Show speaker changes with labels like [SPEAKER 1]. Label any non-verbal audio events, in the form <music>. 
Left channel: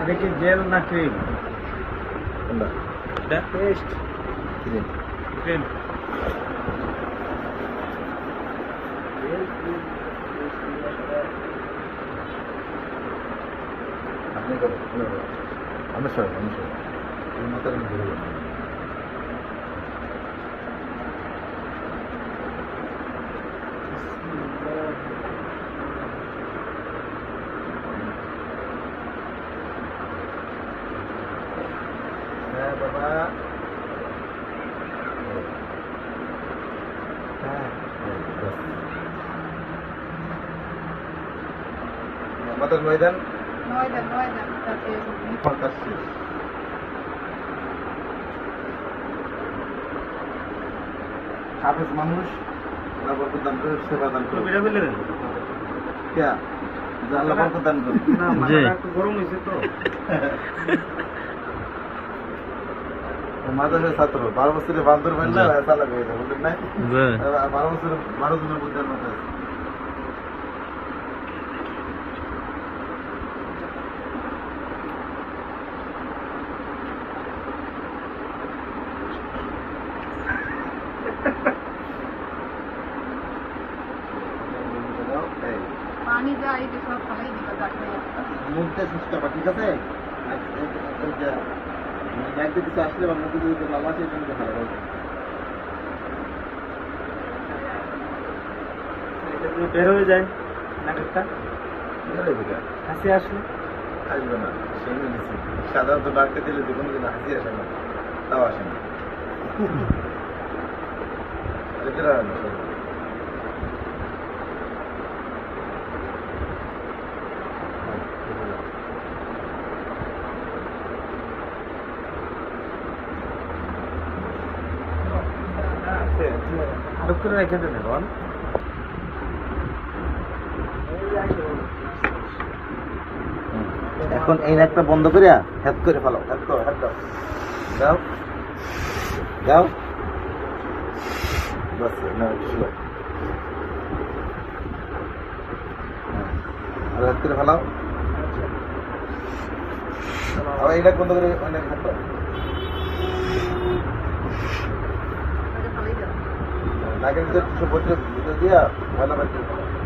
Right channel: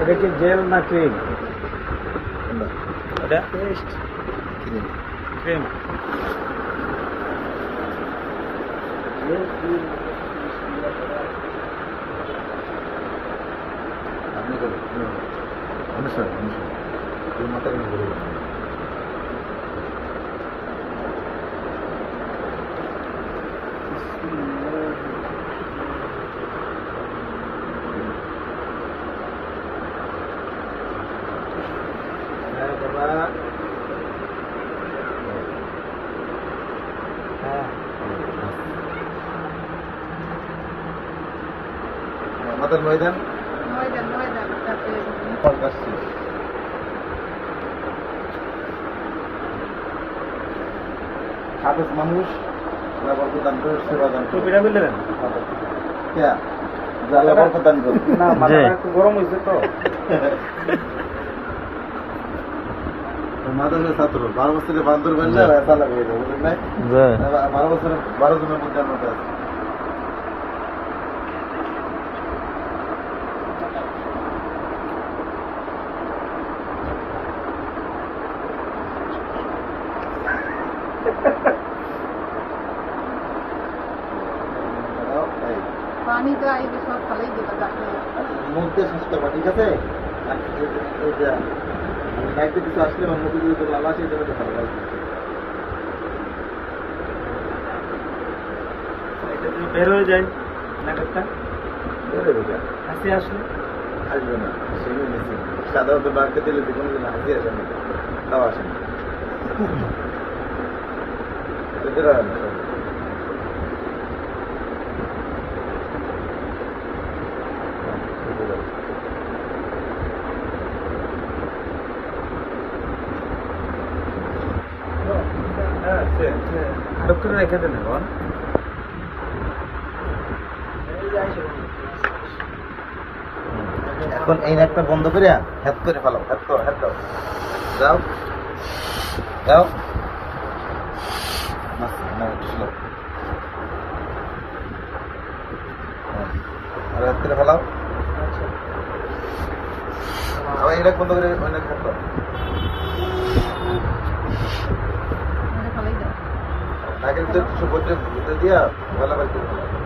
[SPEAKER 1] ಇದಕ್ಕೆ ಜೇಲ್ನ cream taste cream ಅನುಸರ ಅನುಸರ
[SPEAKER 2] ಮಾತಾಡಿ বাবা। হ্যাঁ।
[SPEAKER 1] মাথার ময়দান?
[SPEAKER 3] ময়দান ময়দান।
[SPEAKER 1] হাফেজ মানুষ
[SPEAKER 2] টুপিটা দান। না মাথাটা একটু গরম হয়েছে তো। <laughs>
[SPEAKER 1] মাদ্রাসা ছাত্র বারো বছরের বান্দর বেললে এসা লাগাই যায় বুঝলেন নাই বারো বছরের বারো জনের মধ্যে মতো আছে। এই,
[SPEAKER 3] পানি যায় সব দিতে
[SPEAKER 1] মুখ দিয়ে ঠিক আছে? আর এই যে- এই যে নাক দিয়ে কিছু আসলে অন্য কিছু যদি লাল আসে এগুলো ভালো লাগে।
[SPEAKER 2] বের হয়ে যায় নাটকটা।
[SPEAKER 1] দূরে বেরিয়ে
[SPEAKER 2] হাসি আসলো।
[SPEAKER 1] আসবে না। নিয়েছি সাধারণত বাড়িতে দিলে যে কোনো হাসি আসে না তাও আসে না। <laughs> সে-
[SPEAKER 2] করে রেখে দেন ভগবান।
[SPEAKER 1] এখন এই একটা বন্ধ করিয়া হেড করে ফেলো হেড করো করো। যাও। যাও। বাস ছিল করে ফেলাও। আবার এটা বন্ধ করে মানে হেড কিছু
[SPEAKER 3] ফেলেই দেবে
[SPEAKER 1] আগে তো কিছু করতে দিয়া বলা করতে